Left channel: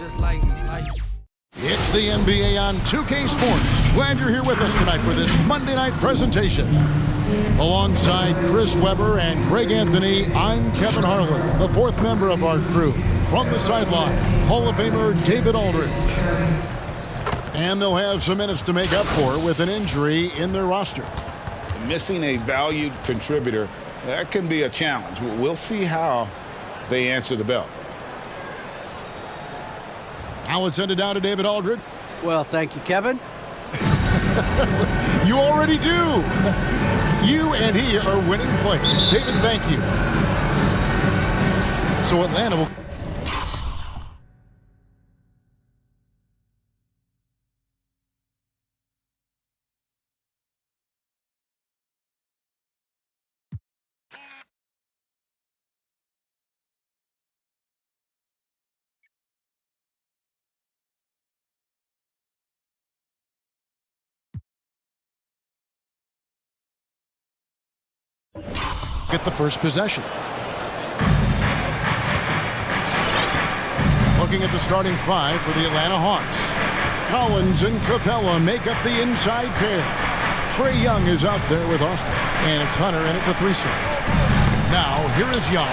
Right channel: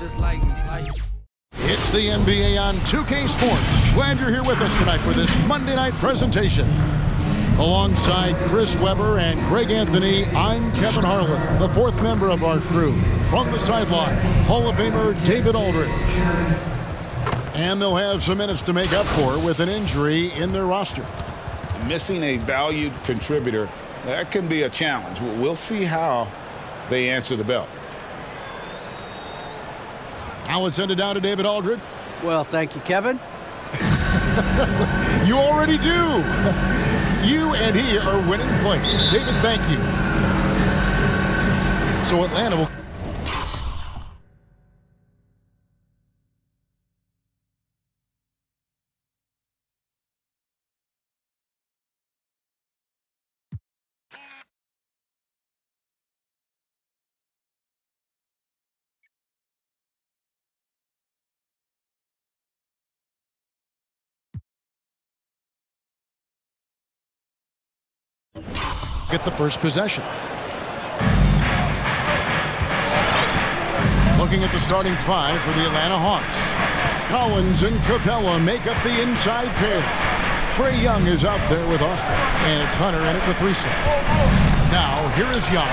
just like me. It's the NBA on 2K Sports. Glad you're here with us tonight for this Monday night presentation. Alongside Chris Webber and Greg Anthony, I'm Kevin Harlan, the fourth member of our crew. From the sideline, Hall of Famer David Aldridge. And they'll have some minutes to make up for with an injury in their roster. Missing a valued contributor, that can be a challenge. We'll see how they answer the bell. Now it's send it down to David Aldridge. Well, thank you, Kevin. You already do. You and he are winning plays. David, thank you. So Atlanta will... get the first possession. Looking at the starting five for the Atlanta Hawks. Collins and Capella make up the inside pair. Trae Young is out there with Austin. And it's Hunter in at the 3 set. Now, here is Young.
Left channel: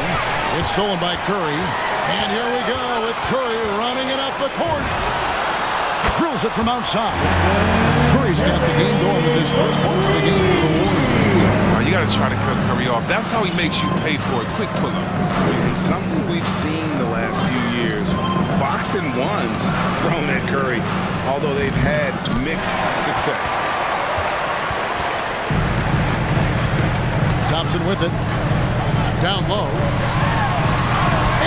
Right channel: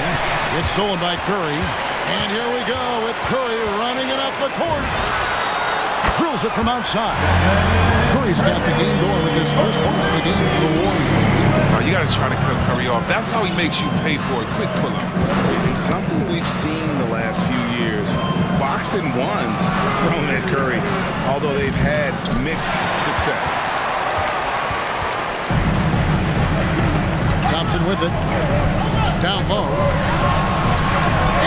It's stolen by Curry. And here we go with Curry running it up the court. Drills it from outside. Curry's got the game going with his first points of the game for the Warriors. You got to try to cut Curry off. That's how he makes you pay for a quick pull-up. And something we've seen the last few years, box and ones thrown at Curry, although they've had mixed success. Thompson with it. Down low.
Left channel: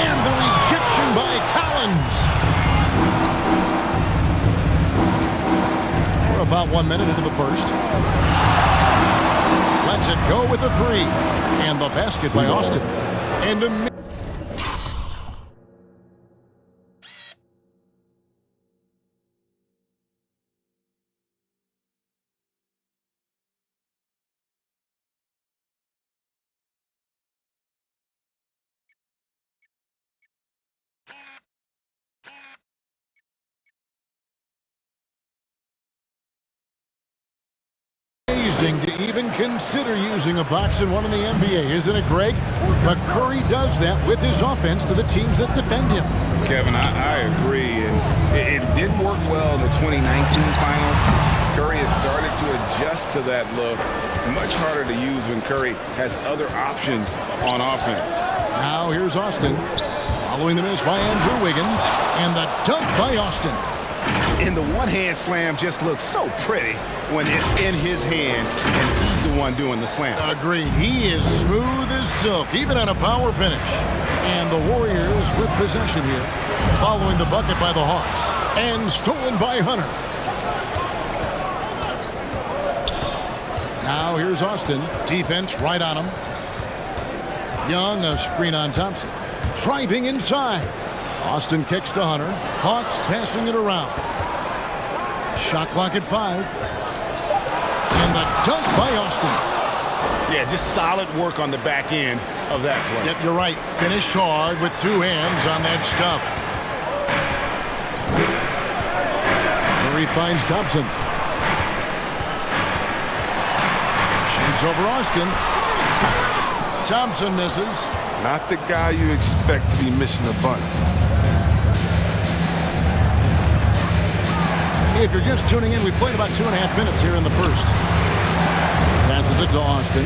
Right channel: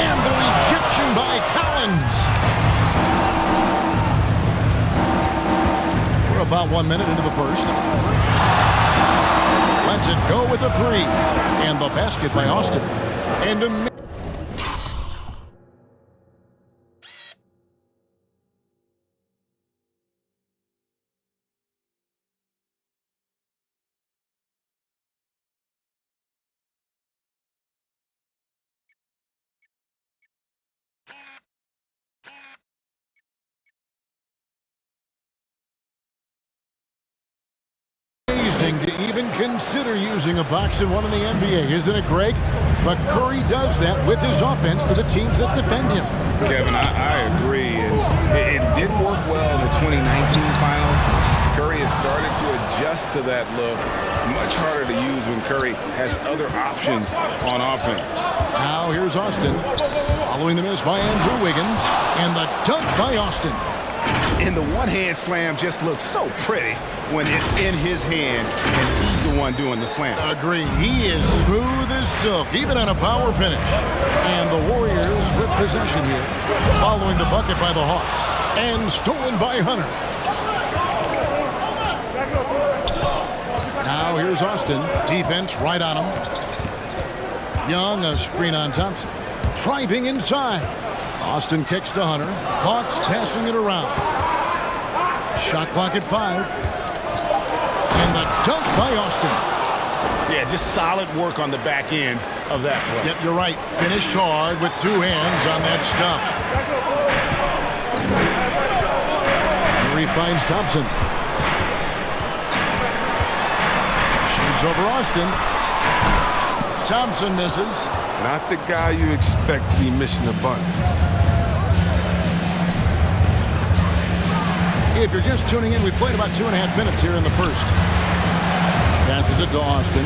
And the rejection by Collins. We're about 1 minute into the first. Lets it go with a 3. And the basket by Austin. And a... to even consider using a box and one in the NBA, isn't it, Greg? But Curry does that with his offense to the teams that defend him. Kevin, I agree. And it didn't work well in the 2019 finals. Curry has started to adjust to that look. Much harder to use when Curry has other options on offense. Now here's Austin. Following the miss by Andrew Wiggins. And the dunk by Austin. And the one-hand slam just looks so pretty when it's in his hand and he's the one doing the slam. Agreed. He is smooth as silk, even on a power finish. And the Warriors with possession here, following the bucket by the Hawks. And stolen by Hunter. Now here's Austin. Defense right on him. Young, a screen on Thompson. Driving inside. Austin kicks to Hunter. Hawks passing it around. Shot clock at 5. And the dunk by Austin. Yeah, just solid work on the back end of that play. Yep, you're right. Finished hard with 2 hands on that stuff. Curry finds Thompson. Shoots over Austin. Thompson misses. Not the guy you expect to be missing a bunny. If you're just tuning in, we played about 2.5 minutes here in the first. Passes it to Austin.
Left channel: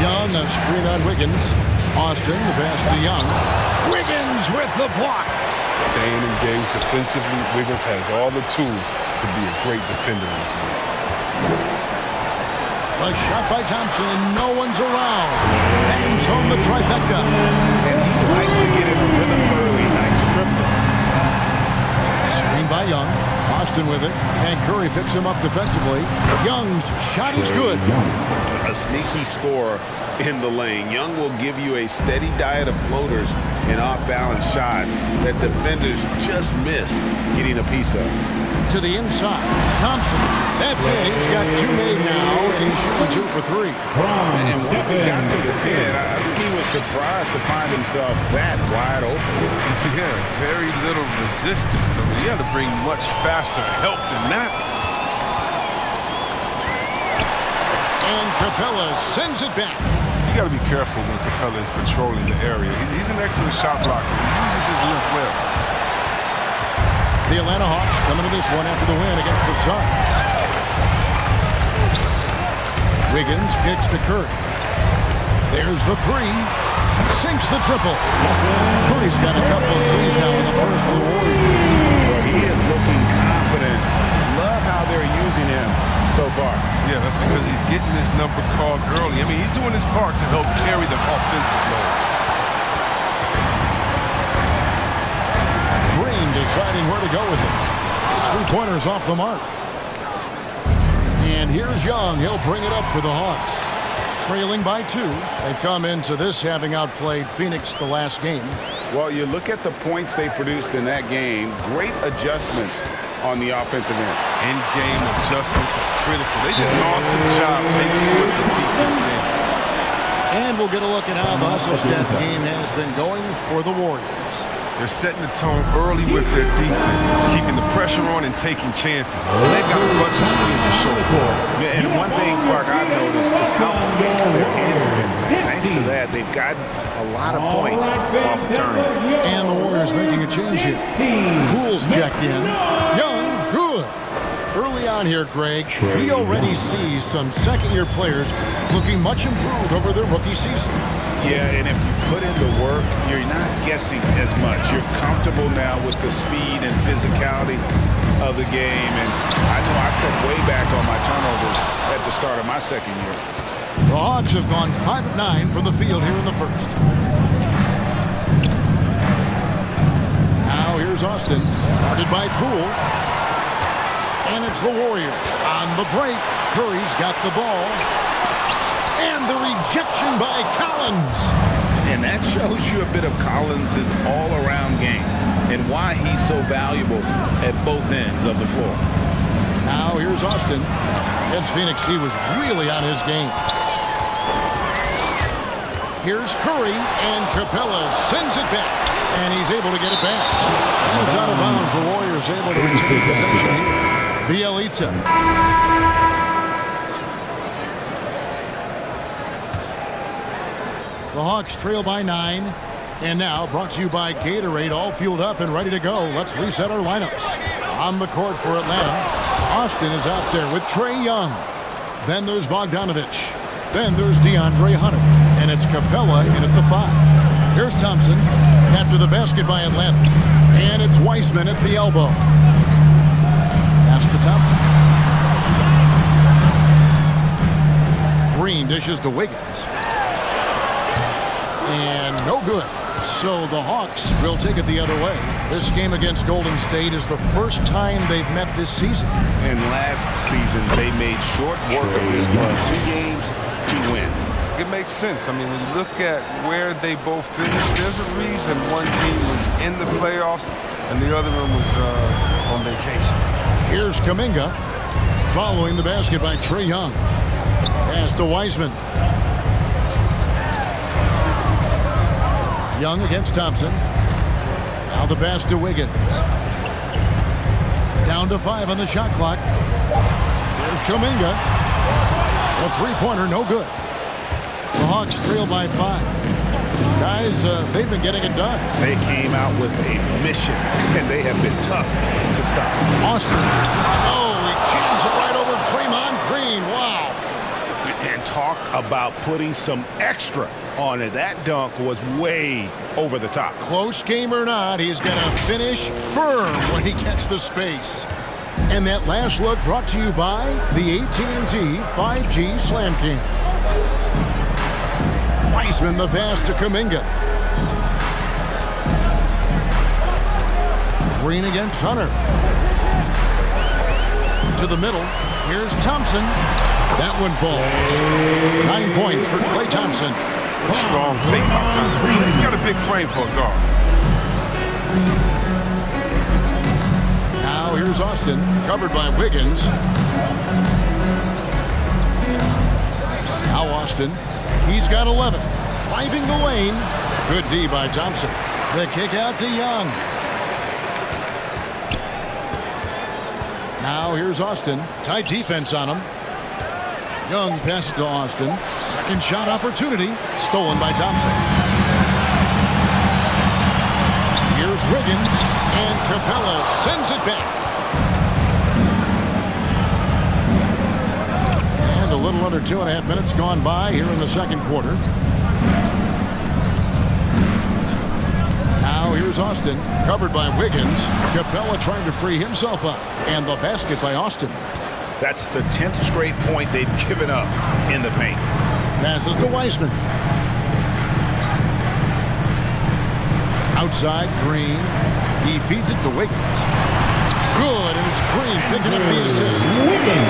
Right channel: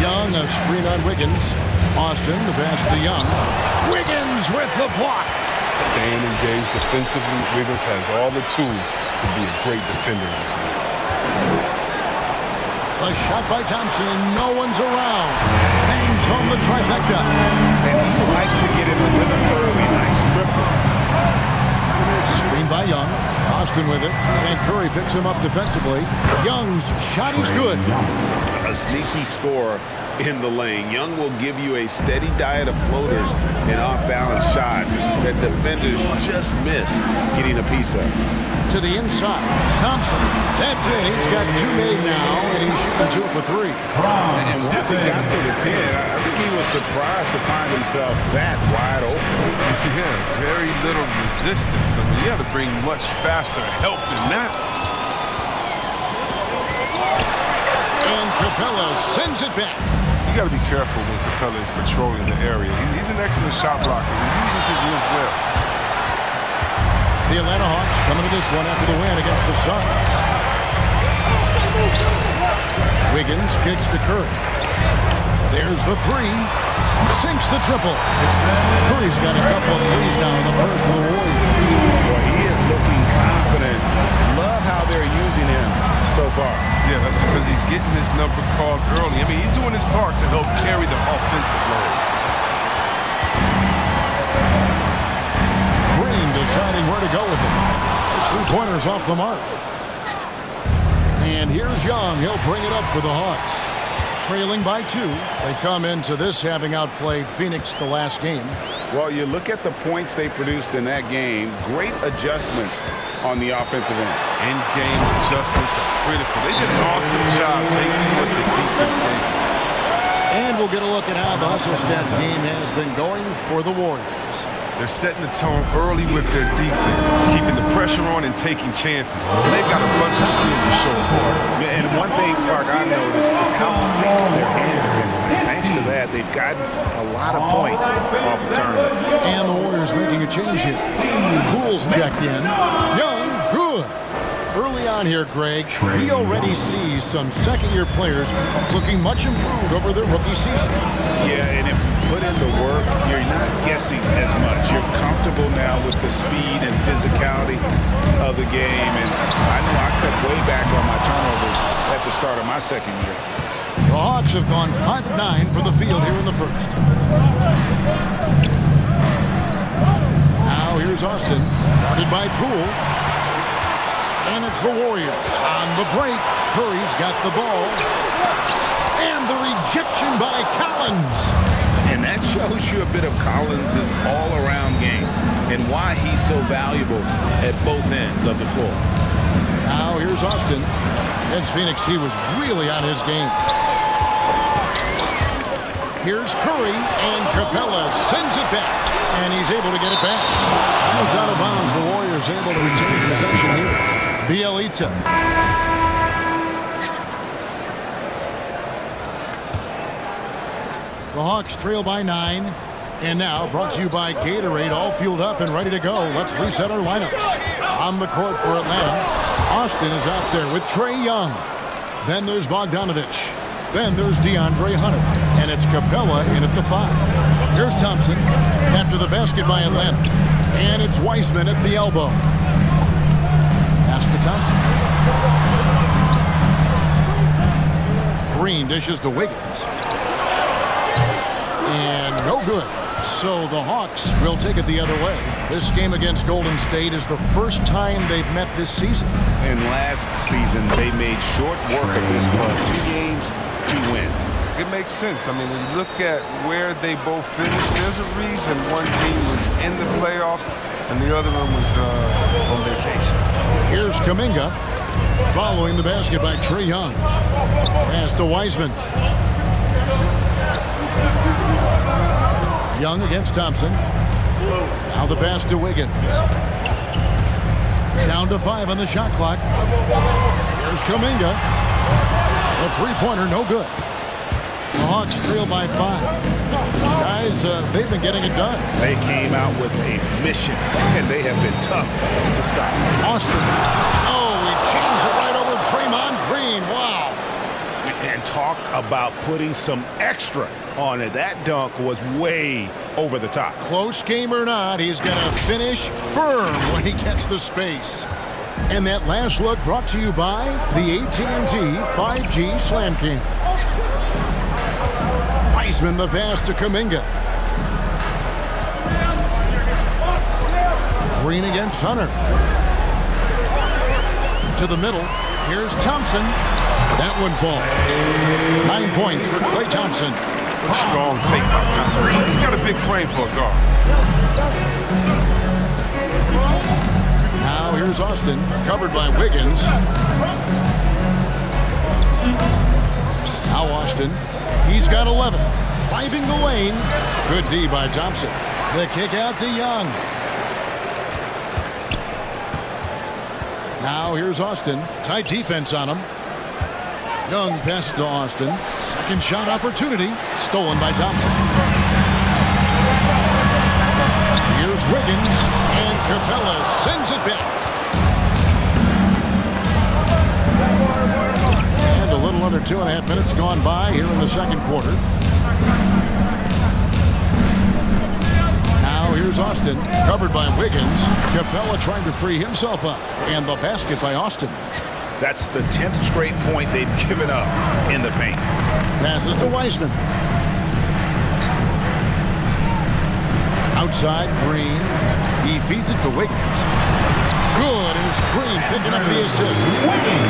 Young, a screen on Wiggins. Austin, the pass to Young. Wiggins with the block. Staying engaged defensively, Wiggins has all the tools to be a great defender in this league. A shot by Thompson, and no one's around. Bangs home the trifecta. And he likes to get in the rhythm early. Nice triple. Screen by Young. Austin with it. And Curry picks him up defensively. Young's shot is good. A sneaky scorer in the lane. Young will give you a steady diet of floaters and off-balance shots that defenders just miss getting a piece of. to the inside. Thompson, that's it. He's got 2 made now, and he's shooting 2 for 3. And once he got to the 10, I think he was surprised to find himself that wide open. Yeah, very little resistance. I mean, you had to bring much faster help than that. And Capella sends it back. You got to be careful when Capella is patrolling the area. He's an excellent shot blocker. He uses his length well. The Atlanta Hawks coming to this one after the win against the Suns. Wiggins kicks to Curry. There's the 3. Sinks the triple. Curry's got a couple of threes now in the first of the Warriors. Boy, he is looking confident. Love how they're using him so far. Yeah, that's because he's getting his number called early. I mean, he's doing his part to help carry the offensive load. Green deciding where to go with it. His 3-pointers off the mark. And here's Young. He'll bring it up for the Hawks. Trailing by 2. They come into this having outplayed Phoenix the last game. Well, you look at the points they produced in that game. Great adjustments on the offensive end. In-game adjustments are critical. They did an awesome job taking what the defense gave. And we'll get a look at how the hustle stat game has been going for the Warriors. They're setting the tone early with their defense, keeping the pressure on and taking chances. They've got a bunch of steam to show for it. Yeah, and one thing, Clark, I've noticed is how quick their hands have been tonight. Thanks to that, they've gotten a lot of points off the turnover. And the Warriors making a change here. Poole's checked in. Young, good. Early on here, Greg, we already see some second-year players looking much improved over their rookie season. Yeah, and if you put in the work, you're not guessing as much. You're comfortable now with the speed and physicality of the game. And I know I cut way back on my turnovers at the start of my second year. The Hawks have gone 5 of 9 from the field here in the first. Now here's Austin, guarded by Poole. And it's the Warriors on the break. Curry's got the ball. And the rejection by Collins. And that shows you a bit of Collins' all-around game and why he's so valuable at both ends of the floor. Now here's Austin. Against Phoenix, he was really on his game. Here's Curry, and Capella sends it back. And he's able to get it back. And it's out of bounds. The Warriors able to retain possession here. Bielitsa. The Hawks trail by 9. And now brought to you by Gatorade, all fueled up and ready to go. Let's reset our lineups. On the court for Atlanta, Austin is out there with Trae Young. Then there's Bogdanovich. Then there's DeAndre Hunter. And it's Capella in at the 5. Here's Thompson after the basket by Atlanta. And it's Wiseman at the elbow. Pass to Thompson. Green dishes to Wiggins. And no good. So the Hawks will take it the other way. This game against Golden State is the first time they've met this season. And last season, they made short work of this club. 2 games, 2 wins. It makes sense. I mean, when you look at where they both finished, there's a reason one team was in the playoffs and the other one was on vacation. Here's Kuminga following the basket by Trae Young. Pass to Wiseman. Young against Thompson. Now the pass to Wiggins. Down to 5 on the shot clock. Here's Kuminga. The 3-pointer, no good. The Hawks trail by 5. Guys, they've been getting it done. They came out with a mission, and they have been tough to stop. Austin. Oh, he jams it right over Draymond Green. Wow. And talk about putting some extra on it. That dunk was way over the top. Close game or not, he's going to finish firm when he gets the space. And that last look brought to you by the AT&T 5G Slam Cam. Wiseman the pass to Kuminga. Green against Hunter. To the middle. Here's Thompson. That one falls. 9 points for Klay Thompson. What a strong take by Thompson. He's got a big frame for a guard. Now Now here's Austin, covered by Wiggins. Now Austin, he's got 11. Driving the lane. Good D by Thompson. The kick out to Young. Now here's Austin. Tight defense on him. Young passes to Austin. Second shot opportunity. Stolen by Thompson. Here's Wiggins. And Capella sends it back. And a little under 2.5 minutes gone by here in the second quarter. Now here's Austin, covered by Wiggins. Capella trying to free himself up. And the basket by Austin. That's the 10th straight point they've given up in the paint. Passes to Wiseman. Outside, Green. He feeds it to Wiggins. Good, and it's Green picking up the assist.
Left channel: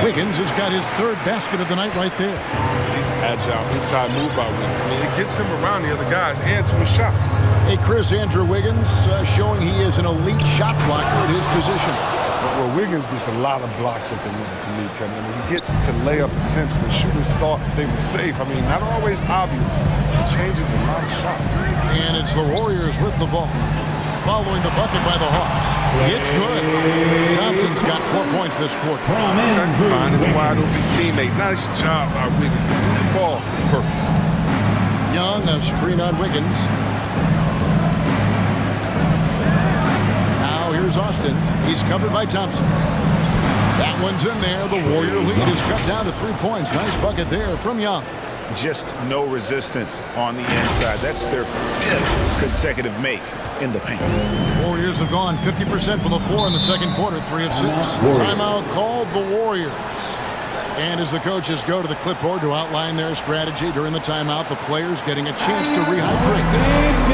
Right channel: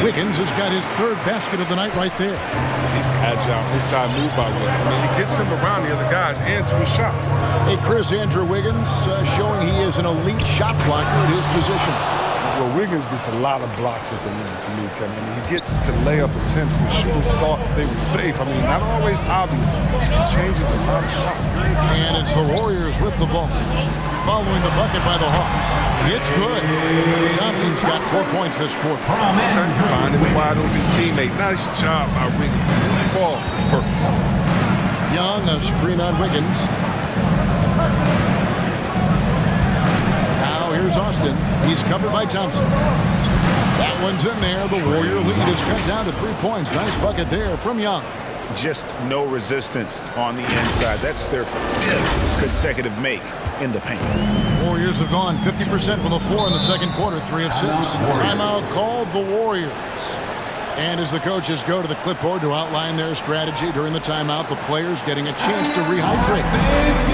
Wiggins has got his third basket of the night right there. He's agile, inside move by Wiggins. I mean, it gets him around the other guys and to his shot. Hey, Chris, Andrew Wiggins showing he is an elite shot blocker at his position. Well, Wiggins gets a lot of blocks at the rim to me, Kevin. I mean, he gets to layup attempts when shooters thought they were safe. I mean, not always obvious. He changes a lot of shots. And it's the Warriors with the ball. Following the bucket by the Hawks. It's good. Thompson's got 4 points this quarter. Okay. Finding the wide open teammate. Nice job by Wiggins to move the ball with purpose. Young, a screen on Wiggins. Now here's Austin. He's covered by Thompson. That one's in there. The Warrior lead is cut down to 3 points. Nice bucket there from Young. Just no resistance on the inside. That's their 5th consecutive make in the paint. Warriors have gone 50% from the floor in the second quarter, 3 of 6. Timeout called the Warriors. And as the coaches go to the clipboard to outline their strategy during the timeout, the players getting a chance to rehydrate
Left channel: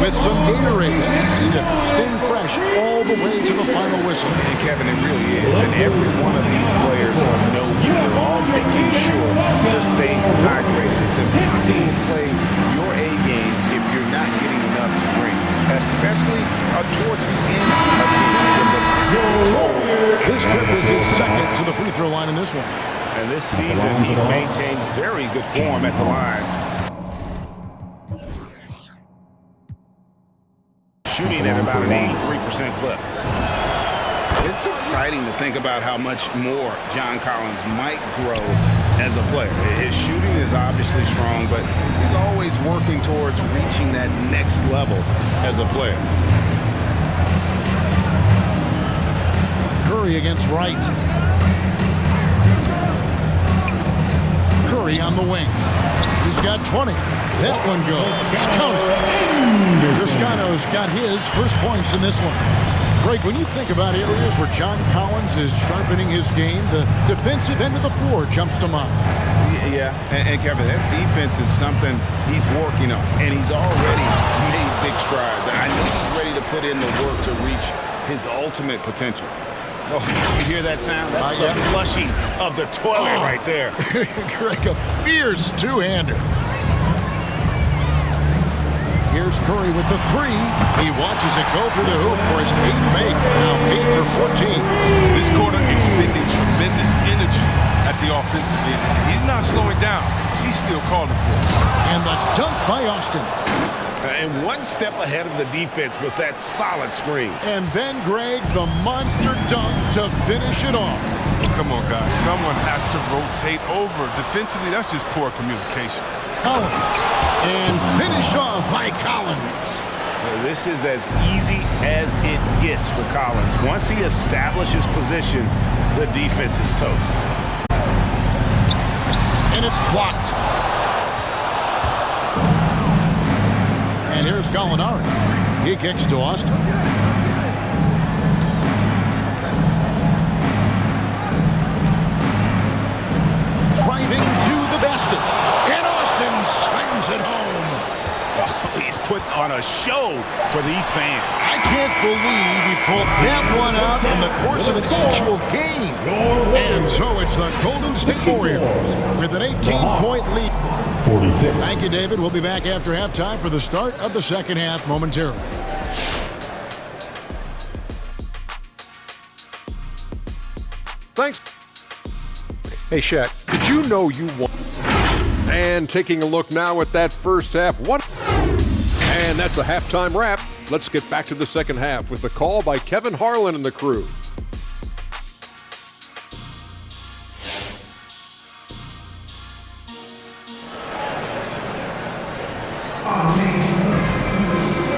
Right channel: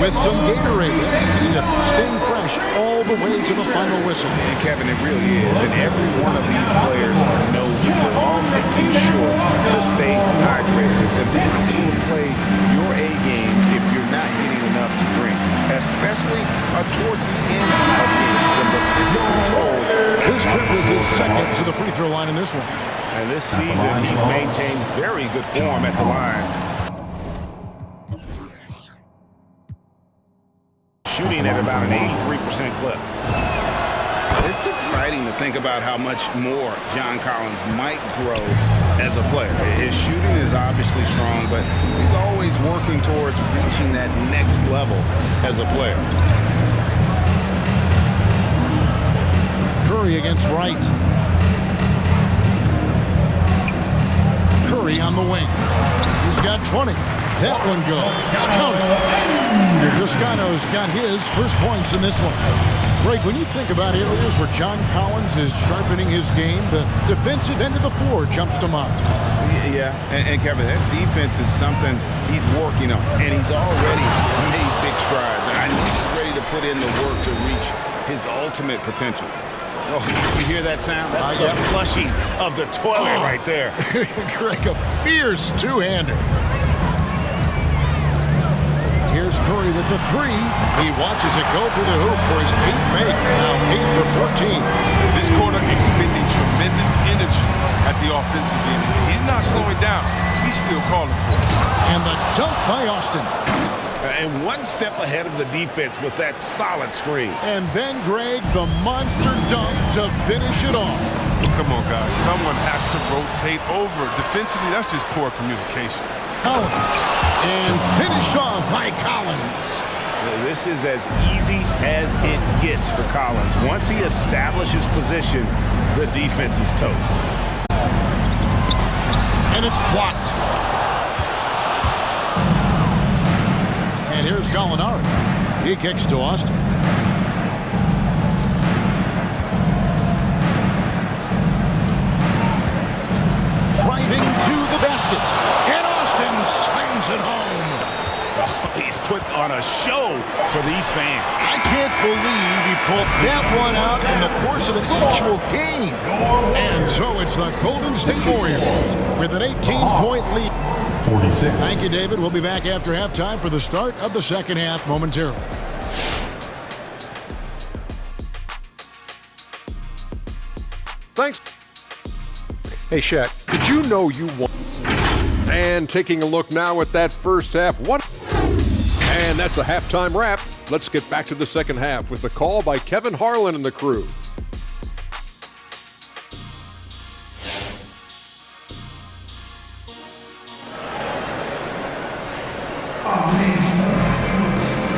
with some Gatorade. That's key to staying fresh all the way to the final whistle. And Kevin, it really is. And every one of these players knows it. They're all making sure to stay hydrated. It's impossible to play your A game if you're not getting enough to drink, especially towards the end of games when the physical toll. This trip is his second to the free throw line in this one. And this season, he's maintained very good form at the line. Shooting at about an 83% clip. It's exciting to think about how much more John Collins might grow as a player. His shooting is obviously strong, but he's always working towards reaching that next level as a player. Curry against Wright. Curry on the wing. He's got 20. That one goes. Count it. Toscano's got his first points in this one. Greg, when you think about areas where John Collins is sharpening his game, the defensive end of the floor jumps to mind. Yeah, and Kevin, that defense is something he's working on, and he's already made big strides. I know he's ready to put in the work to reach his ultimate potential. Oh, you hear that sound? That's the flushing of the toilet right there. Greg, a fierce two-hander. Here's Curry with the 3. He watches it go through the hoop for his 8th make. Now 8 for 14. This quarter expending tremendous energy at the offensive end. He's not slowing down. He's still calling for it. And the dunk by Austin. And one step ahead of the defense with that solid screen. And then, Greg, the monster dunk to finish it off. Well, come on, guys. Someone has to rotate over. Defensively, that's just poor communication. Collins. And finished off by Collins. This is as easy as it gets for Collins. Once he establishes position, the defense is toast. And it's blocked. And here's Gallinari. He kicks to Austin. Driving to the basket. And Austin slams it home. Oh, he's putting on a show for these fans. I can't believe he pulled that one out in the course of an actual game. And so it's the Golden State Warriors with an 18-point lead. 46. Thank you, David. We'll be back after halftime for the start of the second half momentarily. Hey, Shaq, did you know you won? And taking a look now at that first half, what? And that's a halftime wrap. Let's get back to the second half with the call by Kevin Harlan and the crew.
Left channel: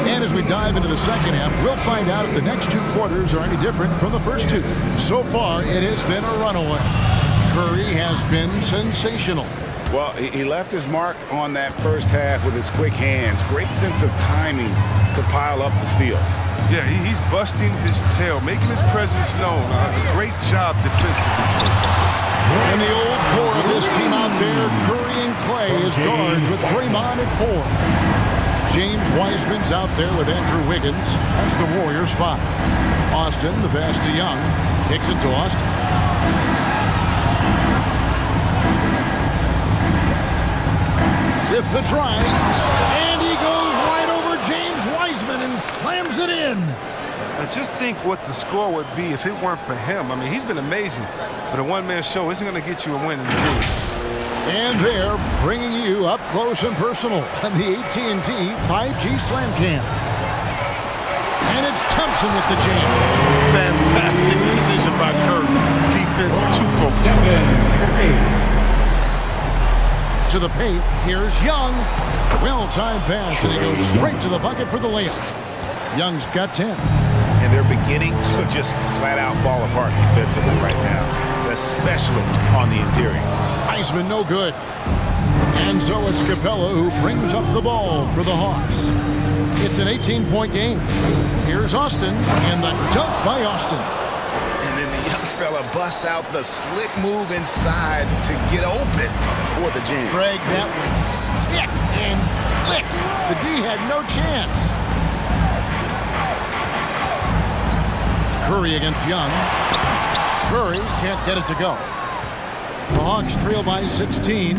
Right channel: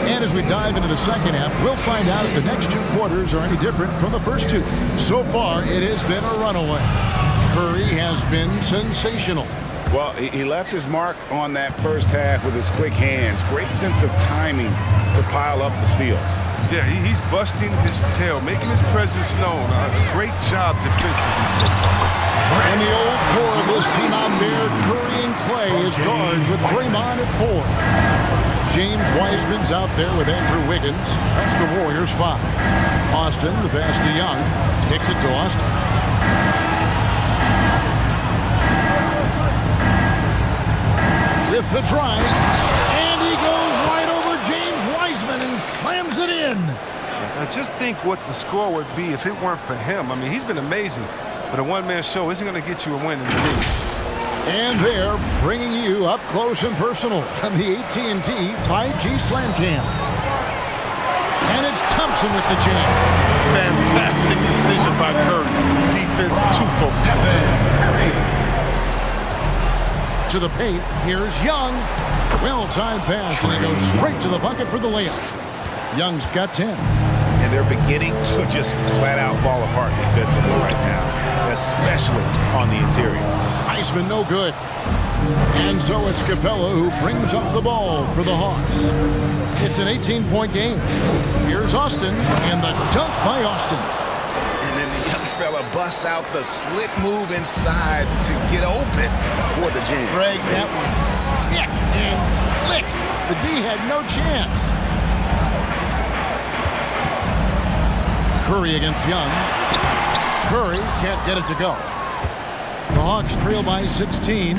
And as we dive into the second half, we'll find out if the next two quarters are any different from the first two. So far, it has been a runaway. Curry has been sensational. Well, he left his mark on that first half with his quick hands. Great sense of timing to pile up the steals. Yeah, he's busting his tail, making his presence known. A great job defensively so far. And the old core of this team out there, Curry and Klay as guards with Draymond at 4. James Wiseman's out there with Andrew Wiggins. That's the Warriors' 5. Austin, the pass to Young, kicks it to Austin. With the drive, and he goes right over James Wiseman and slams it in. I just think what the score would be if it weren't for him. I mean, he's been amazing, but a one-man show isn't going to get you a win in the league. And they're bringing you up close and personal on the AT&T 5G Slam Cam. And it's Thompson with the jam. Fantastic decision by Curry. Defense too focused on Steph. To the paint, here's Young. Well-timed pass, and he goes straight to the bucket for the layup. Young's got 10. And they're beginning to just flat-out fall apart defensively right now, especially on the interior. Wiseman no good. And so it's Capella who brings up the ball for the Hawks. It's an 18-point game. Here's Austin, and the dunk by Austin. And then the young fella busts out the slick move inside to get open for the jam. Greg, that was sick and slick. The D had no chance. Curry against Young. Curry can't get it to go. The Hawks trail by 16.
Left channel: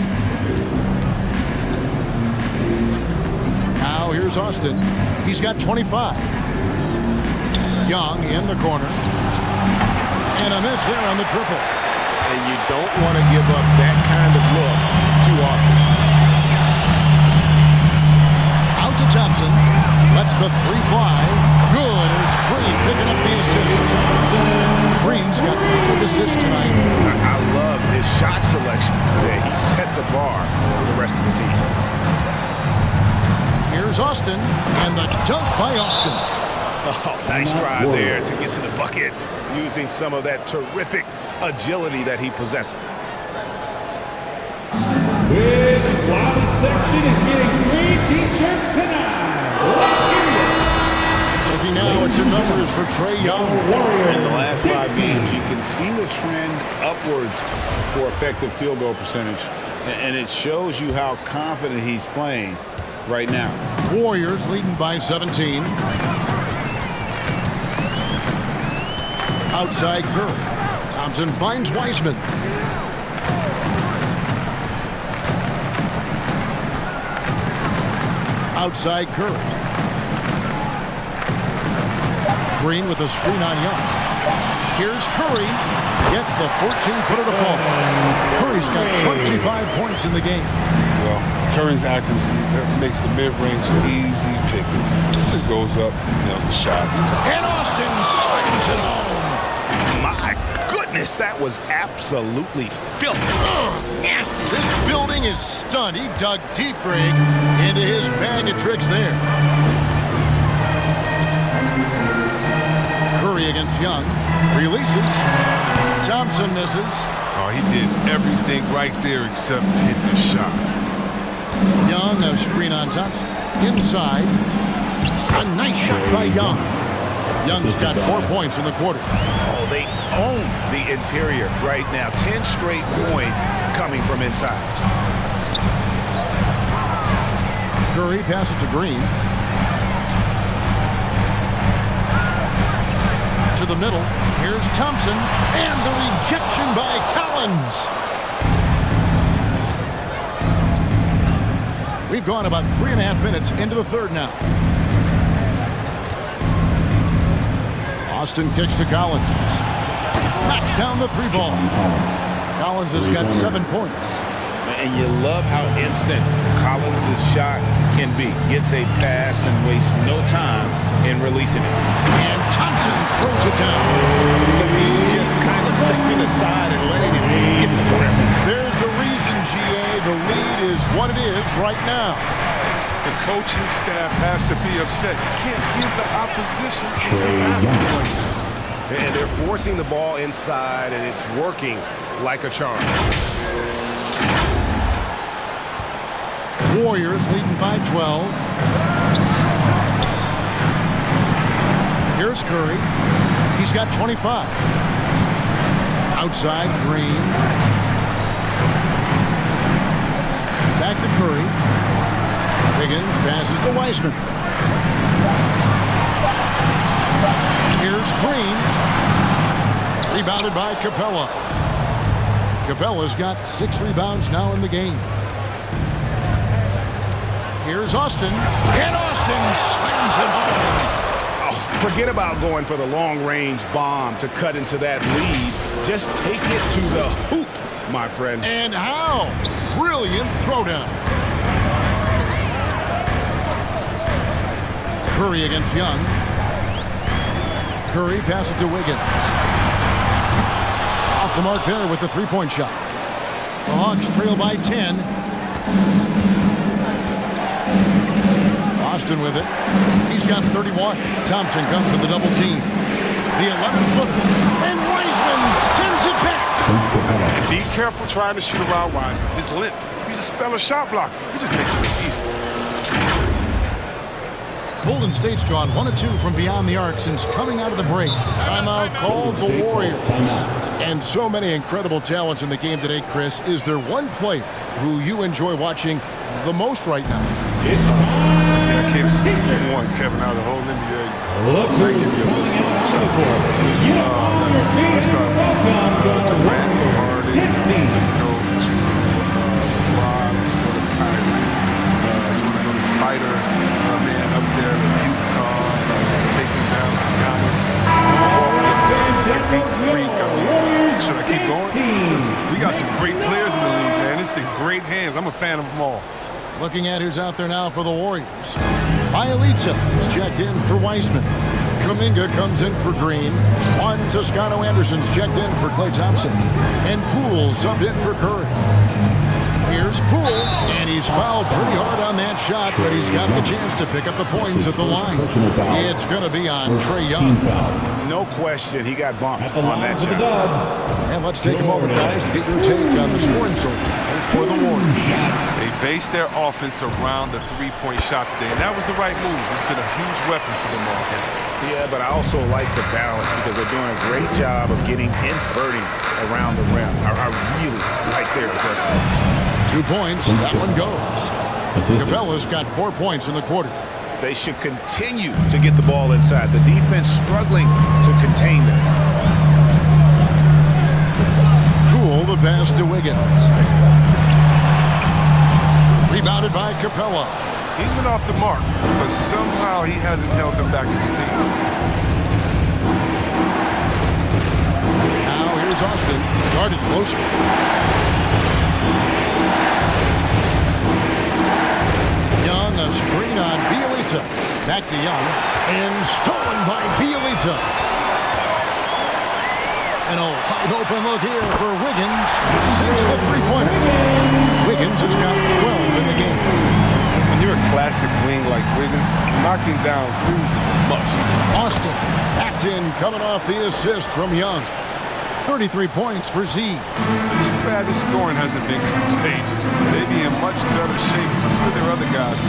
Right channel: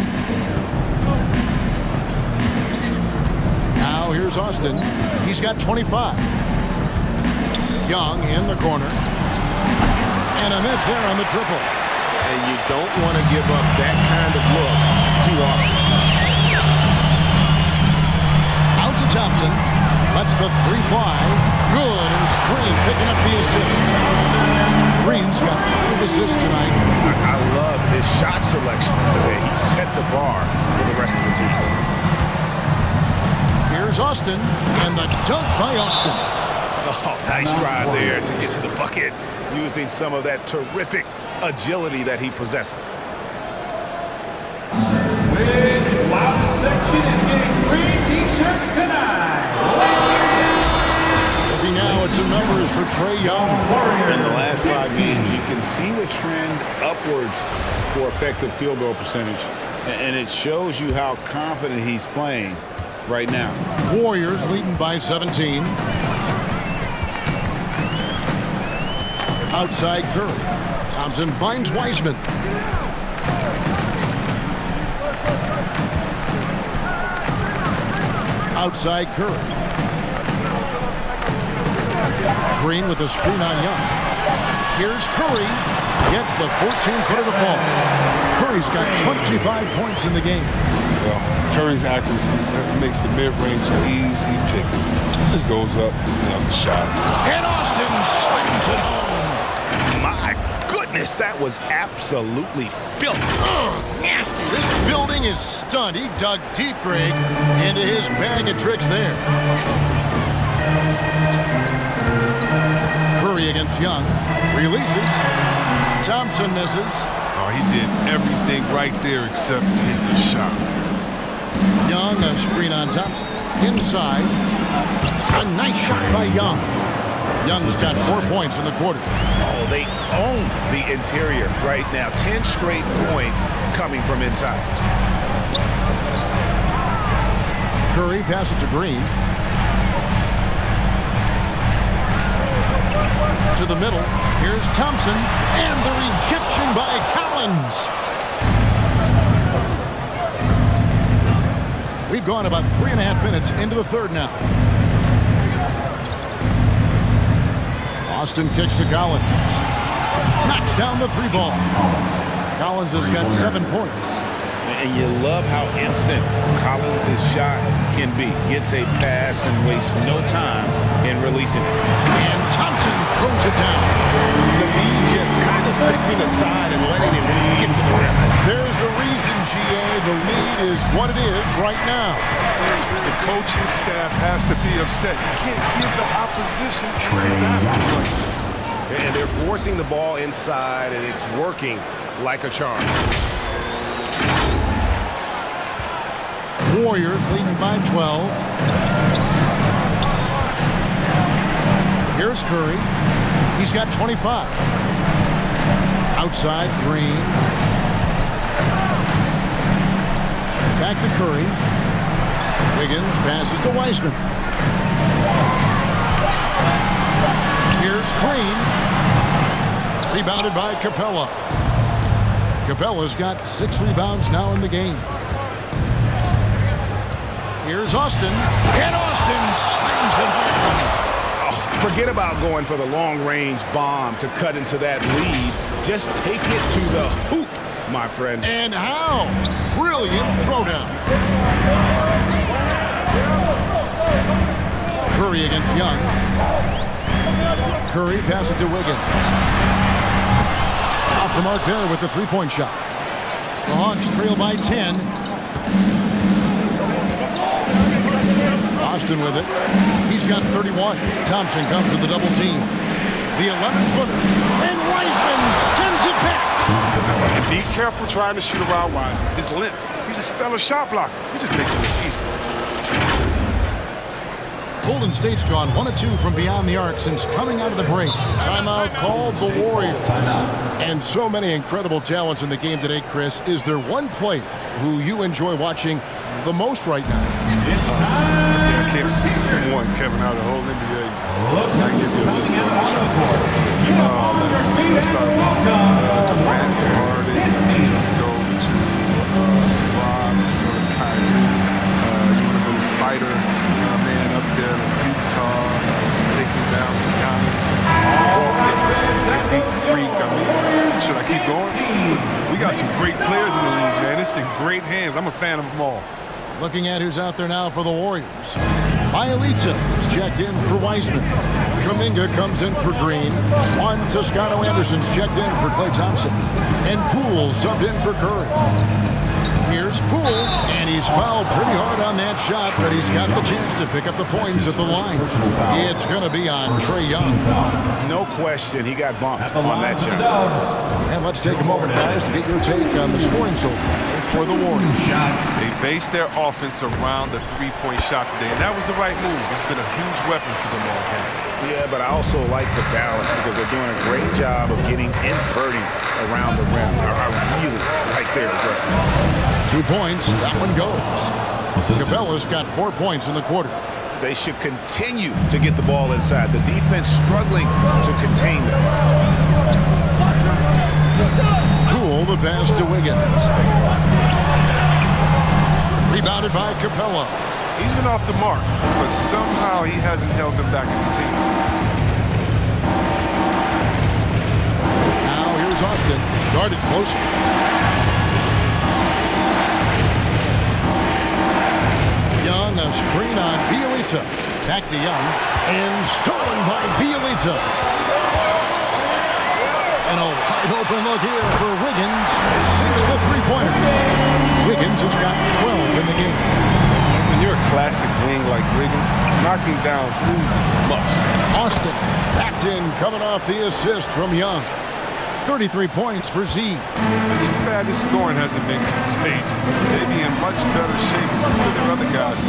Now here's Austin. He's got 25. Young in the corner. And a miss there on the triple. And you don't want to give up that kind of look too often. Out to Thompson. Lets the three fly. Good, and it's Green picking up the assist. Green's got 5 assists tonight. I love his shot selection today. He set the bar for the rest of the team. Here's Austin, and the dunk by Austin. Oh, nice drive there to get to the bucket, using some of that terrific agility that he possesses. While the section is getting free T-shirts tonight. Looking now at some numbers for Trae Young. In the last 5 games, you can see the trend upwards for effective field goal percentage, and it shows you how confident he's playing right now. Warriors leading by 17. Outside Curry. Thompson finds Wiseman. Outside Curry. Green with a screen on Young. Here's Curry. Gets the 14-footer to fall. Curry's got 25 points in the game. Well, Curry's accuracy makes the mid-range easy pickings. Just goes up, nails the shot. And Austin slams it home. My goodness, that was absolutely filthy. Nasty. This building is stunned. He dug deep, Greg, into his bag of tricks there. Curry against Young. Releases. Thompson misses. Oh, he did everything right there except hit the shot. Young, a screen on Thompson. Inside. A nice shot by Young. Young's got 4 points in the quarter. Oh, they own the interior right now. 10 straight points coming from inside. Curry passes to Green. To the middle. Here's Thompson. And the rejection by Collins. We've gone about 3.5 minutes into the third now. Austin kicks to Collins. Knocks down the 3 ball. Collins has got 7 points. And you love how instant Collins' shot can be. Gets a pass and wastes no time in releasing it. And Thompson throws it down. The lead just kind of stepping aside and letting him get to the rim. There's a reason, GA. The lead is what it is right now. The coaching staff has to be upset. You can't give the opposition easy baskets like this. And they're forcing the ball inside, and it's working like a charm. Warriors leading by 12. Here's Curry. He's got 25. Outside, Green. Back to Curry. Wiggins passes to Wiseman. Here's Green. Rebounded by Capella. Capella's got 6 rebounds now in the game. Here's Austin. And Austin slams it home. Oh, forget about going for the long-range bomb to cut into that lead. Just take it to the hoop, my friend. And how? Brilliant throwdown. Curry against Young. Curry passes it to Wiggins. Off the mark there with the three-point shot. The Hawks trail by 10. Austin with it. He's got 31. Thompson comes with the double team. The 11-footer. And Wiseman sends it back. And be careful trying to shoot around Wiseman. His limp. He's a stellar shot blocker. He just makes it look easy. Golden State's gone 1 of 2 from beyond the arc since coming out of the break. Timeout called the Warriors. And so many incredible talents in the game today, Chris. Is there one player who you enjoy watching the most right now? Yeah, I can't see one, Kevin, out of the whole NBA. I give you a list on the shot. Let's start with Durant, Harden. Let's go to LeBron. Let's go to Kyrie. You want to go to Spider, man, up there in Utah. Taking down to Giannis. Great freak. I mean, should I keep going? We got some great players in the league, man. It's in great hands. I'm a fan of them all. Looking at who's out there now for the Warriors. Bielitsa is checked in for Wiseman. Kuminga comes in for Green. Juan Toscano-Anderson's checked in for Klay Thompson. And Poole subbed in for Curry. Here's Poole, and he's fouled pretty hard on that shot, but he's got the chance to pick up the points at the line. It's going to be on Trae Young. No question, he got bumped on that shot. And let's take a moment, guys, to get your take on the scoring so far for the Warriors. They based their offense around the three-point shot today, and that was the right move. It's been a huge weapon for them all game. Yeah, but I also like the balance because they're doing a great job of getting inserting around the rim. I really like their aggressiveness. 2 points, that one goes. Capella's got 4 points in the quarter. They should continue to get the ball inside. The defense struggling to contain them. Poole, the pass to Wiggins. Rebounded by Capella. He's been off the mark, but somehow he hasn't held them back as a team. Now here's Austin, guarded closer. Young, a screen on Bielitsa. Back to Young, and stolen by Bielitsa. And a wide open look here for Wiggins. Sinks the three-pointer. Wiggins has got 12 in the game. When you're a classic wing like Wiggins, knocking down threes is a must. Austin, backed in, coming off the assist from Young. 33 points for Z. Too bad his scoring hasn't been contagious. They'd be in much better shape if a few of their other guys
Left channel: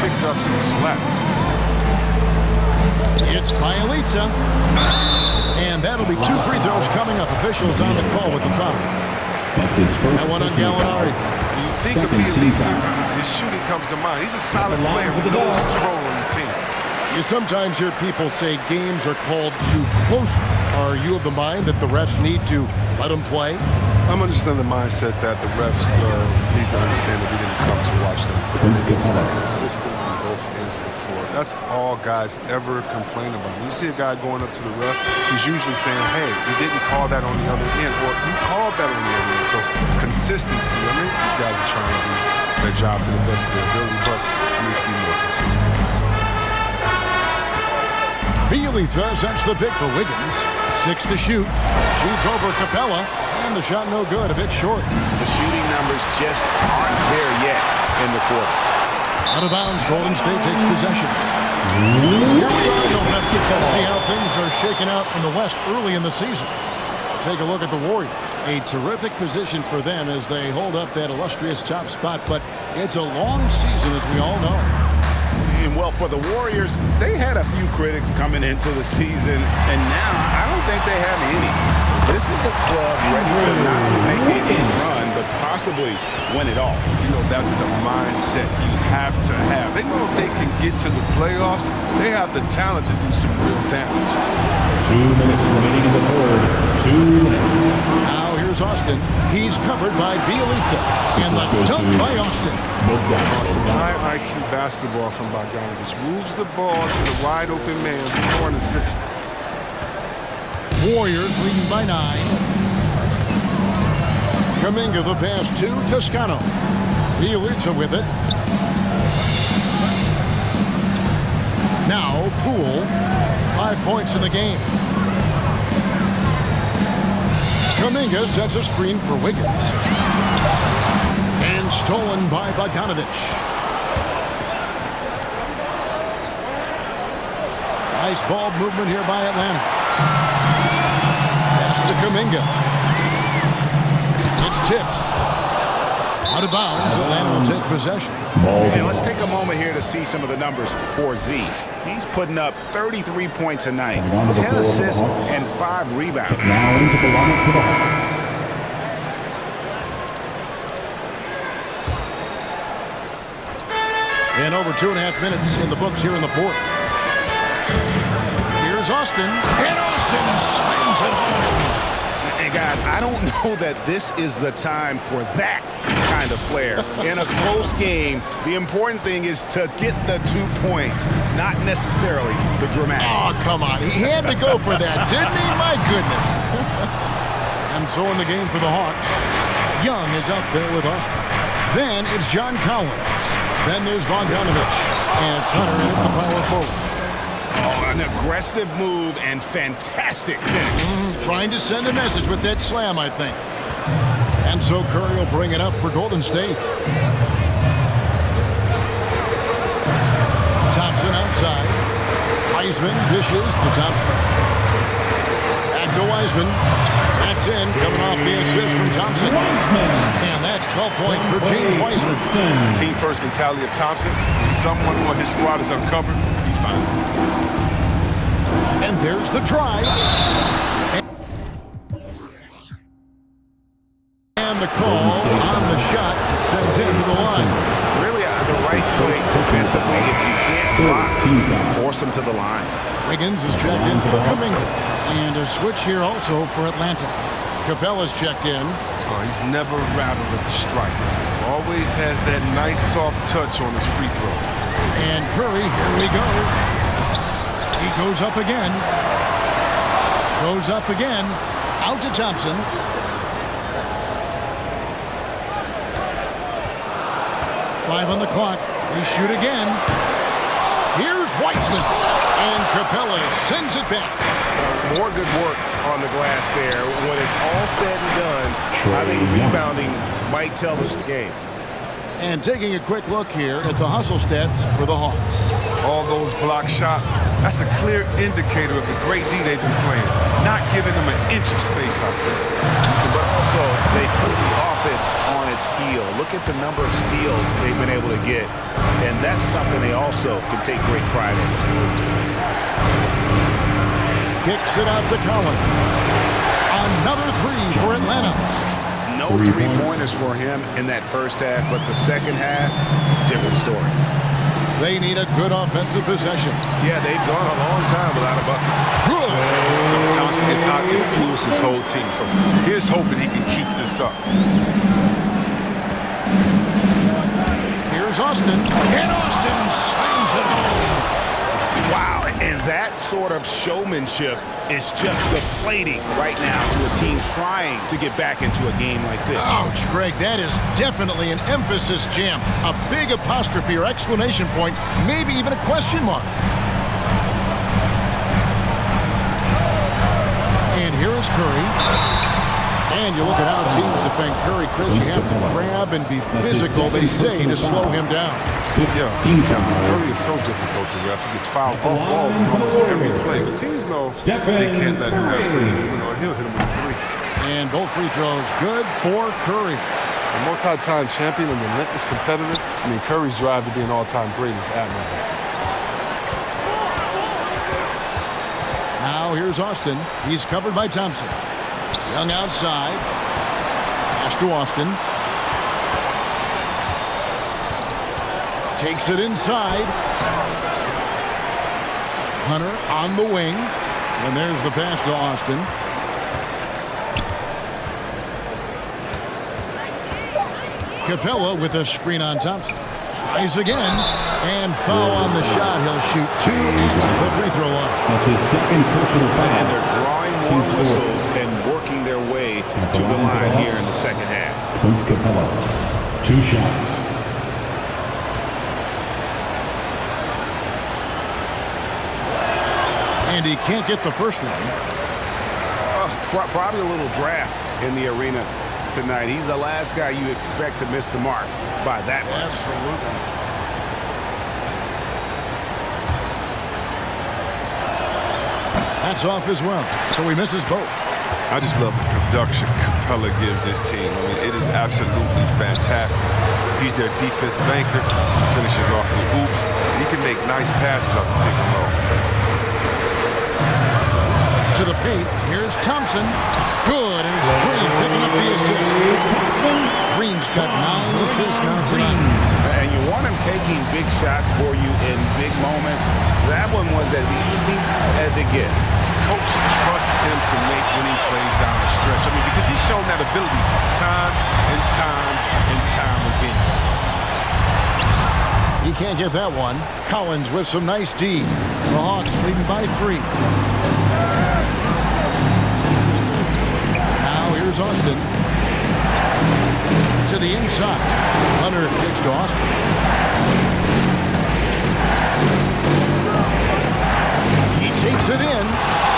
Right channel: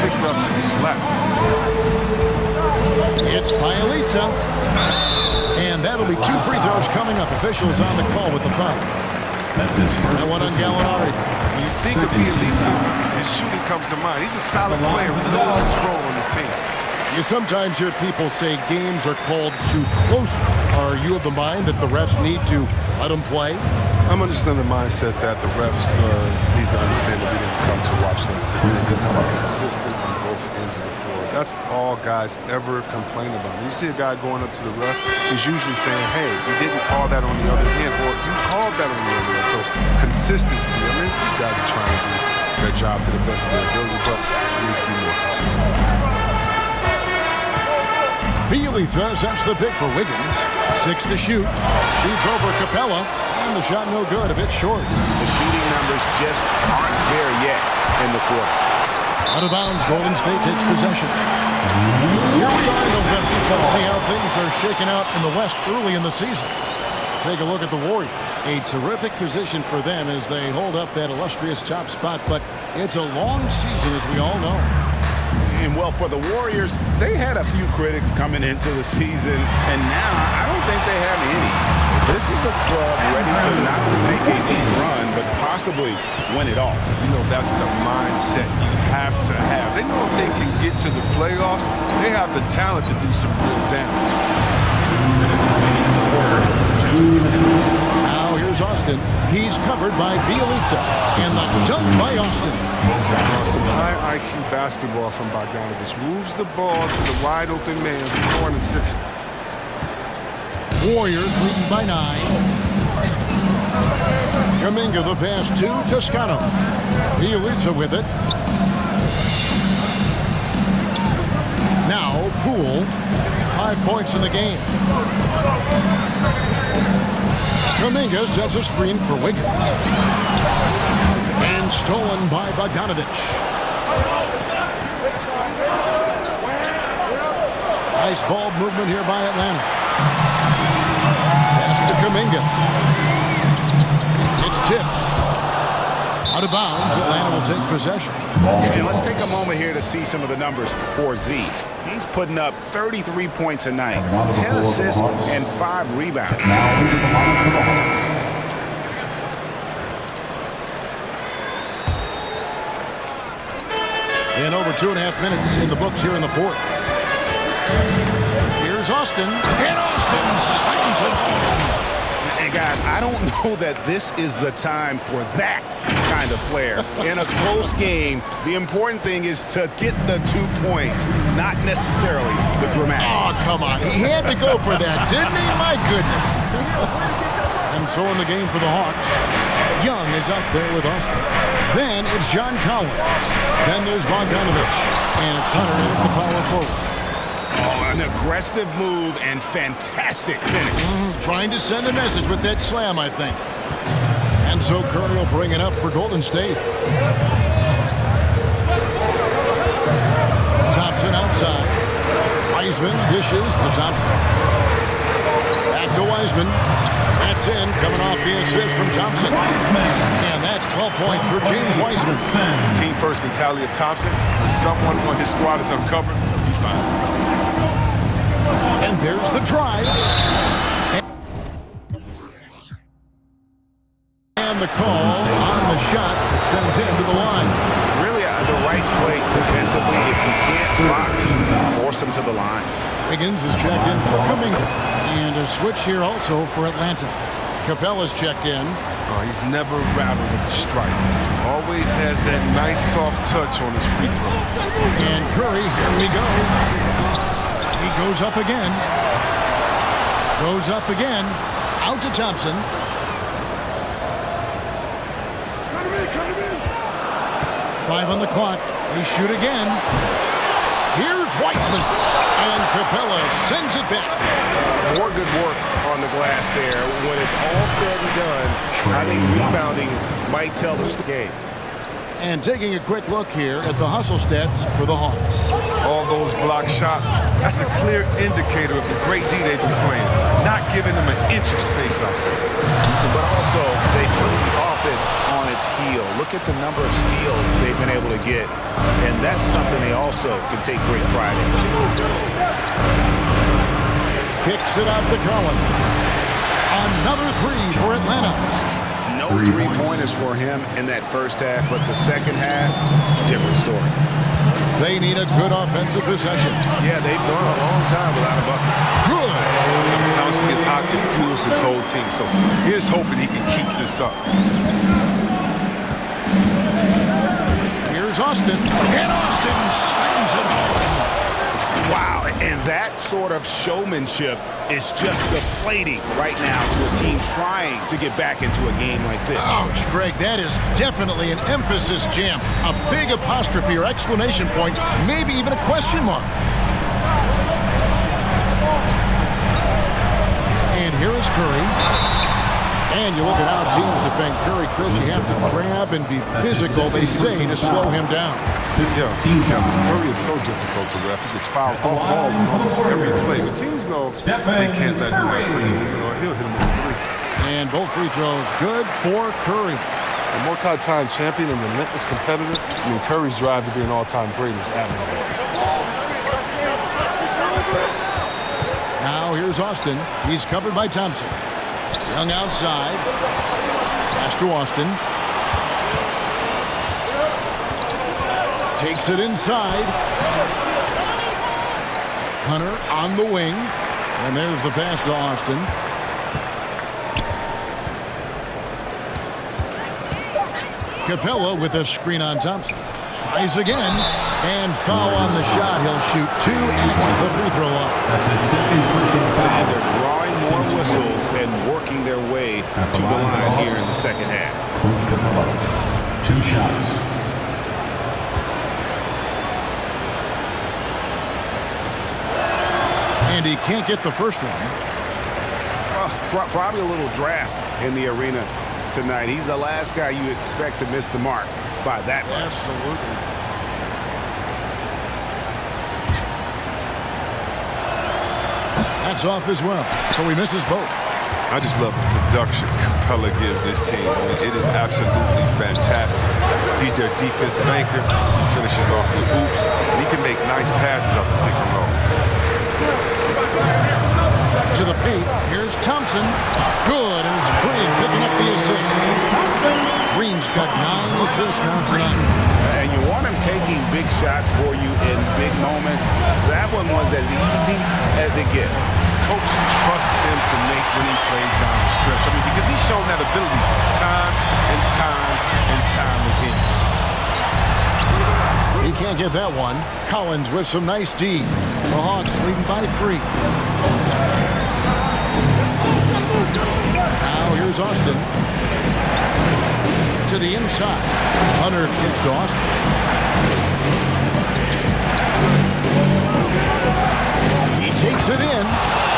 picked up some slack. It's Bielitsa. And that'll be 2 free throws coming up. Officials on the call with the foul. That's his first. That one on Gallinari. When you think of Bielitsa, his shooting comes to mind. He's a solid player who knows his role on his team. You sometimes hear people say games are called too close. Are you of the mind that the refs need to let them play? I'm understanding the mindset that the refs need to understand that we didn't come to watch them. They need to be consistent on both ends of the floor. That's all guys ever complain about. When you see a guy going up to the ref, he's usually saying, hey, you didn't call that on the other end, or you called that on the other end. So consistency, I mean, these guys are trying to do their job to the best of their ability, but they need to be more consistent. Bielitsa sets the pick for Wiggins. 6 to shoot. Shoots over Capella. And the shot no good, a bit short. The shooting numbers just aren't there yet in the quarter. Out of bounds, Golden State takes possession. Here we are in November. Let's see how things are shaking out in the West early in the season. Take a look at the Warriors. A terrific position for them as they hold up that illustrious top spot, but it's a long season, as we all know. And well, for the Warriors, they had a few critics coming into the season, and now I don't think they have any. This is a club ready to not only make a deep run, but possibly win it all. You know, that's the mindset you have to have. They know if they can get to the playoffs, they have the talent to do some real damage. 2 minutes remaining in the third. 2 minutes. Now here's Austin. He's covered by Bielitsa. And the dunk by Austin. Some high IQ basketball from Bogdanovich. Moves the ball to the wide open man for an assist. Warriors leading by 9. Kuminga the pass to Toscano. Bielitsa with it. Now Poole. 5 points in the game. Kuminga sets a screen for Wiggins. And stolen by Bogdanovich. Nice ball movement here by Atlanta. Pass to Kuminga. It's tipped. Out of bounds, Atlanta will take possession. And let's take a moment here to see some of the numbers for Z. He's putting up 33 points a night, 10 assists, and 5 rebounds. Now into the lineup for the Hawks. And over 2.5 minutes in the books here in the fourth. Here's Austin. And Austin slams it home. And guys, I don't know that this is the time for that kind of flair. In a close game, the important thing is to get the 2 points, not necessarily the dramatics. Oh, come on. He had to go for that, didn't he? My goodness. And so in the game for the Hawks, Young is out there with Austin. Then it's John Collins. Then there's Bogdanovich. And it's Hunter in at the power forward. Oh, an aggressive move and fantastic finish. Trying to send a message with that slam, I think. And so Curry will bring it up for Golden State. Thompson outside. Wiseman dishes to Thompson. Back to Wiseman. That's in, coming off the assist from Thompson. And that's 12 points for James Wiseman. Team first mentality of Thompson. When someone on his squad is uncovered, he finds it. And there's the drive. And the call on the shot that sends him to the line. Really the right play defensively. If you can't block, force him to the line. Wiggins is checked in for Kuminga. And a switch here also for Atlanta. Capella's checked in. Oh, he's never rattled at the stripe. Always has that nice soft touch on his free throws. And Curry, here we go. He goes up again. Goes up again. Out to Thompson. Five on the clock. They shoot again. Here's Wiseman. And Capella sends it back. More good work on the glass there. When it's all said and done, I think rebounding might tell the game. And taking a quick look here at the hustle stats for the Hawks. All those block shots, that's a clear indicator of the great D they've been playing. Not giving them an inch of space out there. But also, they put the offense on its heel. Look at the number of steals they've been able to get. And that's something they also can take great pride in. Kicks it out to Collins. Another three for Atlanta. No three-pointers for him in that first half, but the second half, different story. They need a good offensive possession. Yeah, they've gone a long time without a bucket. Good. Thompson gets hot, it fuels his whole team. So here's hoping he can keep this up. Here's Austin, and Austin slams it home. Wow, and that sort of showmanship is just deflating right now to a team trying to get back into a game like this. Ouch, Greg, that is definitely an emphasis jam. A big apostrophe or exclamation point, maybe even a question mark. And here is Curry. And you look at how teams defend Curry, Chris, you have to grab and be physical, they say, to slow him down. Yeah, Curry is so difficult to ref. He gets fouled off ball on almost every play. But teams know they can't let him have free movement or he'll hit him with a three. And both free throws good for Curry. A multi-time champion and relentless competitor. I mean, Curry's drive to be an all-time great is admirable. Now here's Austin. He's covered by Thompson. Young outside. Pass to Austin. Takes it inside. Hunter on the wing. And there's the pass to Austin. Capella with a screen on Thompson. Tries again. And foul on the shot. He'll shoot 2 at the free throw line. That's his second personal foul. And they're drawing more whistles and working their way to the line here in the second half. Clint Capella, 2 shots. And he can't get the first one. Probably a little draft in the arena tonight. He's the last guy you expect to miss the mark by that much. Absolutely. That's off as well, so he misses both. I just love the production Capella gives this team. I mean, it is absolutely fantastic. He's their defensive anchor. He finishes off with oops. And he can make nice passes off the pick and roll. To the paint, here's Thompson. Good, and it's Green picking up the assist. Green's got 9 assists now tonight. And you want him taking big shots for you in big moments. That one was as easy as it gets. Coach trusts him to make winning plays down the stretch. I mean, because he's shown that ability time and time and time again. He can't get that one. Collins with some nice D. The Hawks leading by 3. Now here's Austin. To the inside. Hunter kicks to Austin. He takes it in.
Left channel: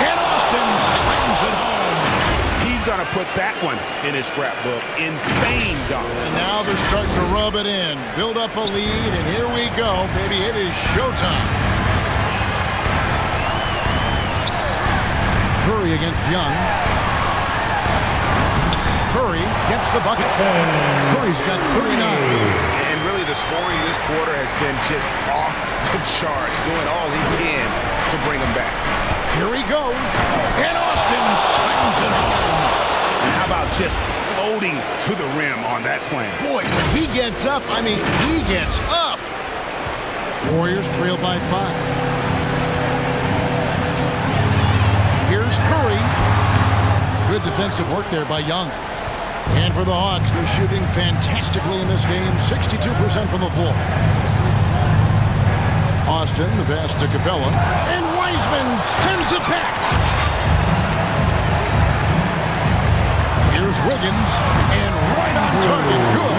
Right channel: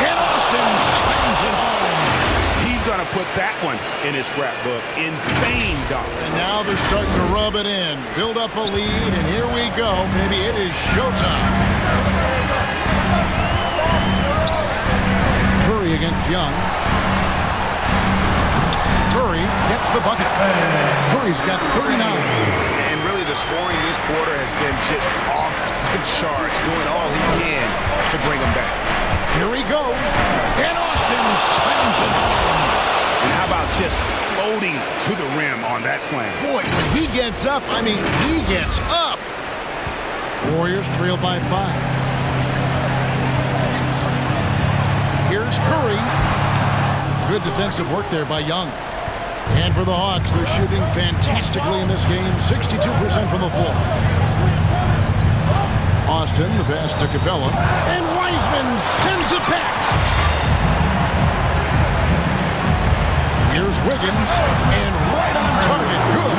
And Austin slams it home. He's going to put that one in his scrapbook. Insane dunk. And now they're starting to rub it in. Build up a lead, and here we go. Maybe it is showtime. Curry against Young. Curry gets the bucket. Curry's got 39. And really the scoring this quarter has been just off the charts, doing all he can to bring them back. Here he goes, and Austin slams it home. And how about just floating to the rim on that slam? Boy, when he gets up, I mean, he gets up. Warriors trail by 5. Here's Curry. Good defensive work there by Young. And for the Hawks, they're shooting fantastically in this game, 62% from the floor. Austin, the pass to Capella, and Wiseman sends it back. Here's Wiggins, and right on target, good.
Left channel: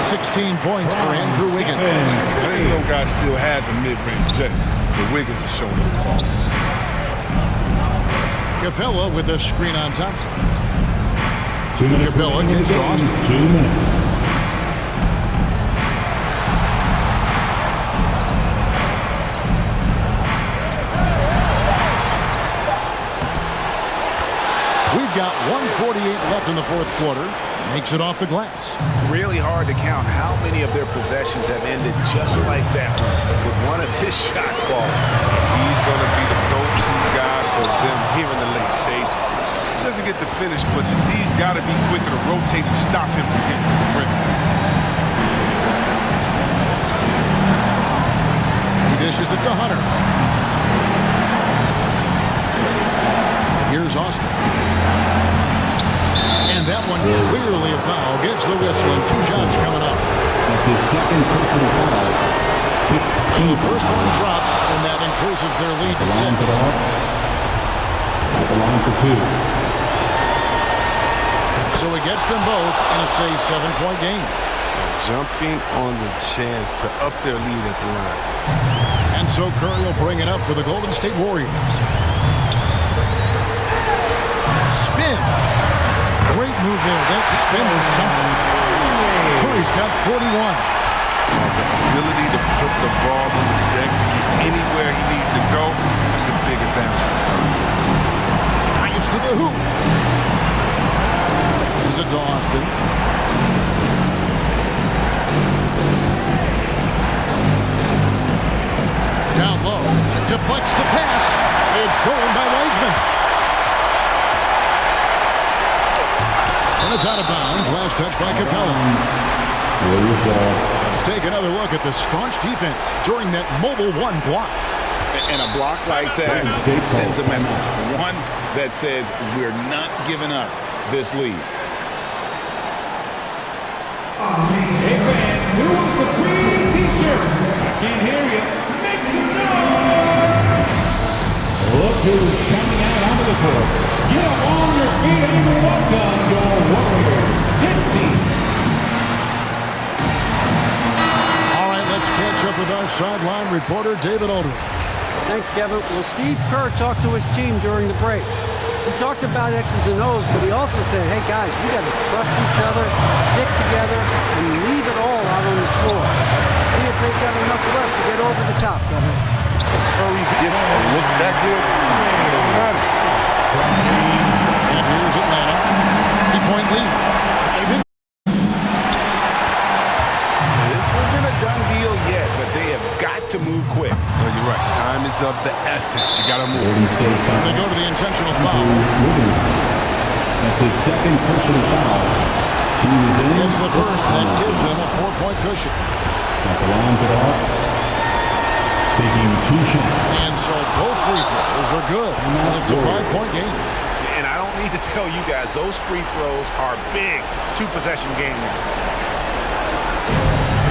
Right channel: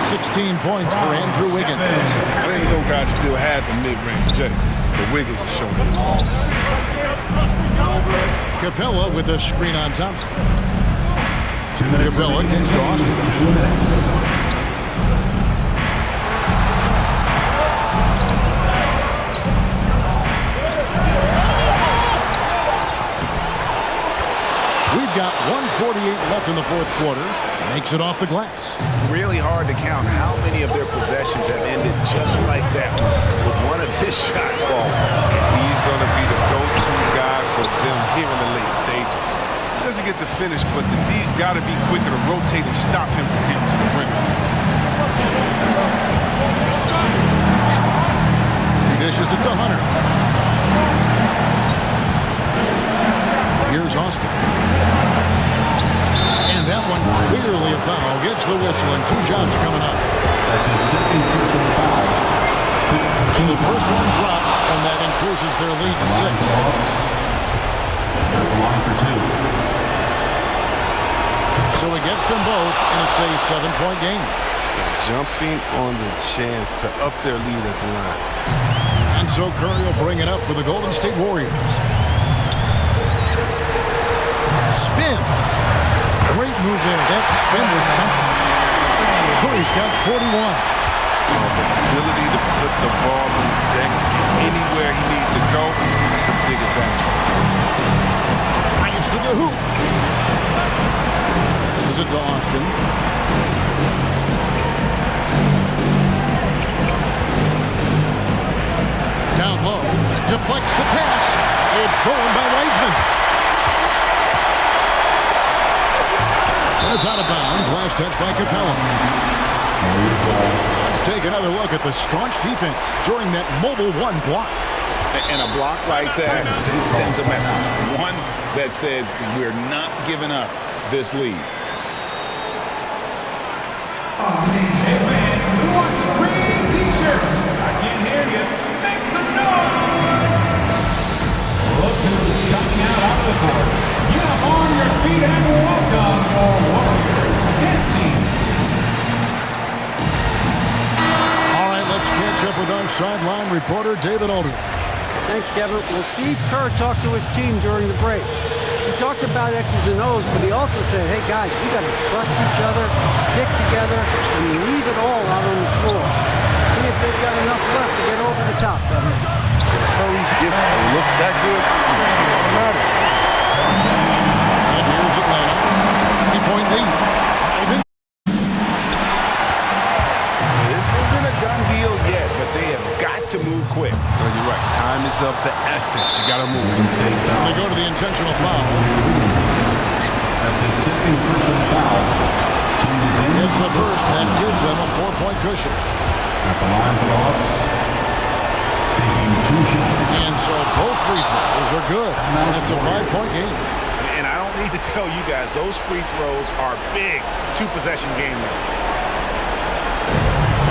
16 points for Andrew Wiggins. I didn't know guys still had the mid-range J, but Wiggins is showing it all. Capella with a screen on Thompson. Capella kicks to Austin. 2 minutes. We've got 1:48 left in the fourth quarter. Makes it off the glass. Really hard to count how many of their possessions have ended just like that one, with one of his shots falling. He's going to be the go-to guy for them here in the late stages. He doesn't get the finish, but the D's got to be quicker to rotate and stop him from getting to the rim. dishes it to Hunter. Here's Austin. And that one clearly a foul. Gets the whistle and 2 shots coming up. That's his second personal foul. So the first one drops, and that increases their lead to 6. At the line for 2. So he gets them both, and it's a 7-point game. Jumping on the chance to up their lead at the line. And so Curry will bring it up for the Golden State Warriors. Spins. Great move there. That spin was something. Curry's got 41. The ability to put the ball on the deck to get anywhere he needs to go, that's a big advantage for Curry. Drives to the hoop. This is it to Austin. Down low. Deflects the pass. It's stolen by Wiseman. And it's out of bounds. Last touch by Capella. Let's take another look at the staunch defense during that mobile 1 block. And a block like that sends a message. One that says we're not giving up this lead. Hey fans, who wants a free t-shirt? I can't hear you. Make some noise! Look who's coming out onto the court. Get up on your feet and welcome your Warriors. His team. All right, let's catch up with our sideline reporter, David Aldridge. Thanks, Kevin. Well, Steve Kerr talked to his team during the break. He talked about X's and O's, but he also said, hey, guys, we got to trust each other, stick together, and leave it all out on the floor. See if they've got enough left to get over the top, Governor. Curry gets a look that good, it's automatic. And here's Atlanta. 3-point lead. Driving. This isn't a done deal yet, but they have got to move quick. No, you're right. Time is of the essence. You got to move. And they go to the intentional foul. That's his second personal foul. Team is in. It's the first, and that gives them a 4-point cushion. At the line for the Hawks. Taking 2 shots. And so both free throws are good. And it's a 5-point game. And I don't need to tell you guys, those free throws are big. 2-possession game now.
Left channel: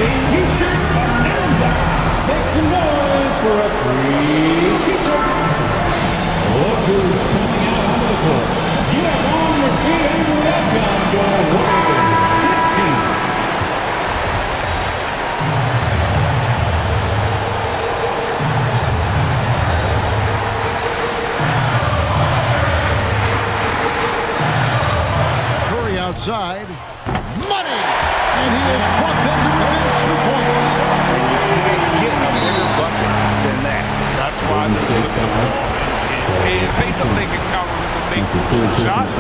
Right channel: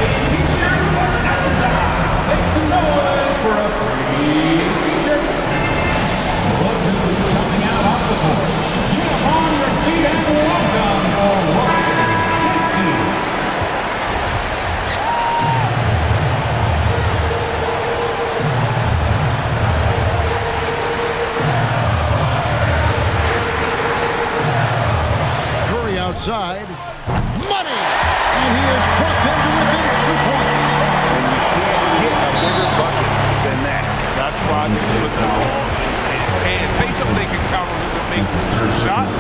T-shirt bonanza. Make some noise for a free t-shirt. Look who's coming out onto the court. Get up on your feet and welcome your Warriors. His team. Curry outside. Money! And he has brought them to within 2 points. And you can't get a bigger bucket than that. That's why they put the ball in his hands. They know they can count on him to make some shots.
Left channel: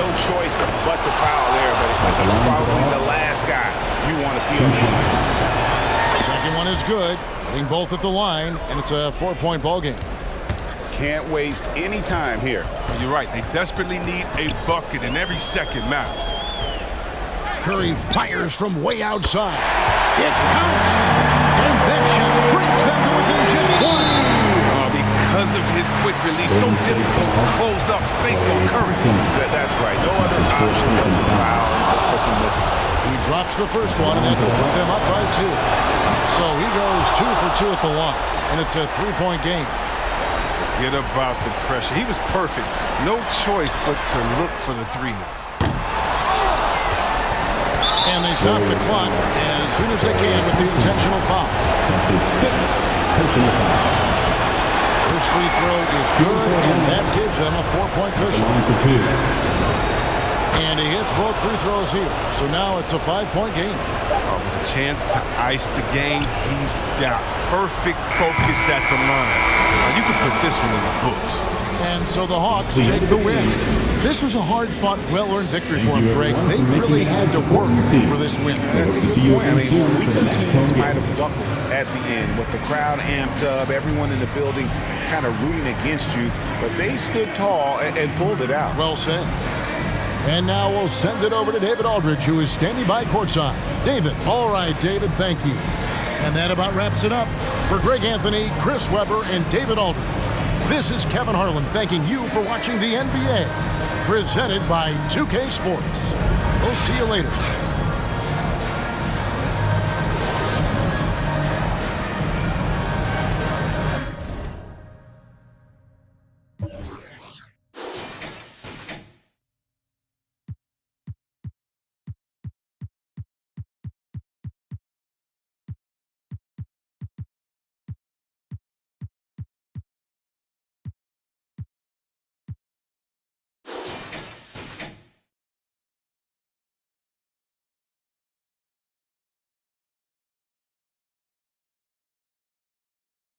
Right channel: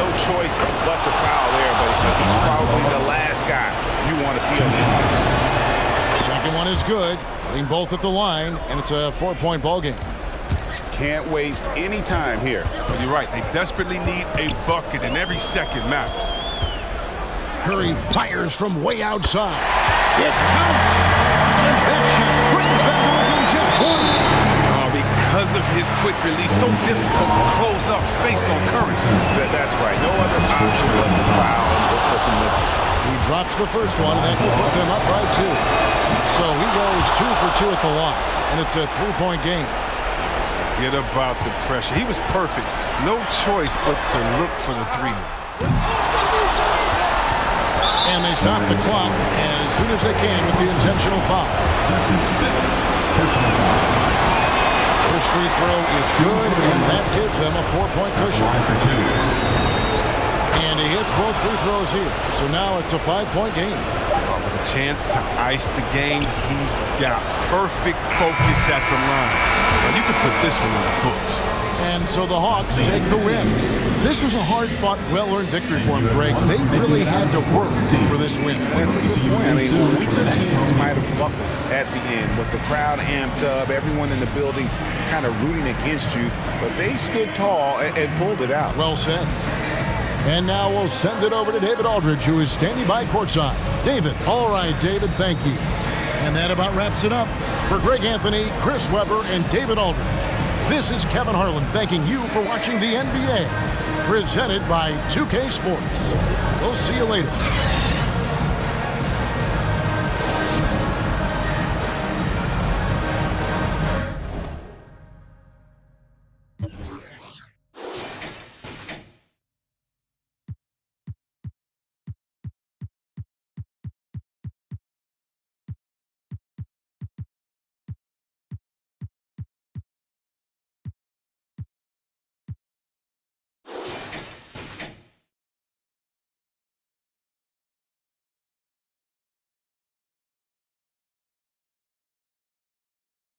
No choice but to foul there, but he's probably the last guy you want to see on the line. Second one is good. Getting both at the line, and it's a 4-point ball game. Can't waste any time here. But you're right. They desperately need a bucket, and every second matters. Curry fires from way outside. It counts! And that shot brings them to within just 1. Because of his quick release, so difficult to close up space on Curry. That's right. No other option but to foul and look for some misses. He drops the first one, and that will put them up by 2. So he goes 2 for 2 at the line, and it's a 3-point game. Forget about the pressure. He was perfect. No choice but to look for the 3 now. And they stop the clock as soon as they can with the intentional foul. That's his 5th personal foul. First free throw is good, and that gives them a 4-point cushion. Line for 2. And he hits both free throws here. So now it's a 5-point game. With a chance to ice the game, he's got perfect focus at the line. Now, you could put this one in the books. And so the Hawks take the win. This was a hard-fought, well-earned victory for them, Greg. They really had to work for this win. That's a good point. I mean, weaker teams might have buckled at the end with the crowd amped up, everyone in the building kind of rooting against you, but they stood tall and pulled it out. Well said. And now we'll send it over to David Aldridge, who is standing by courtside. David. All right, David, thank you. And that about wraps it up. For Greg Anthony, Chris Webber, and David Aldridge, this is Kevin Harlan thanking you for watching the NBA, presented by 2K Sports. We'll see you later.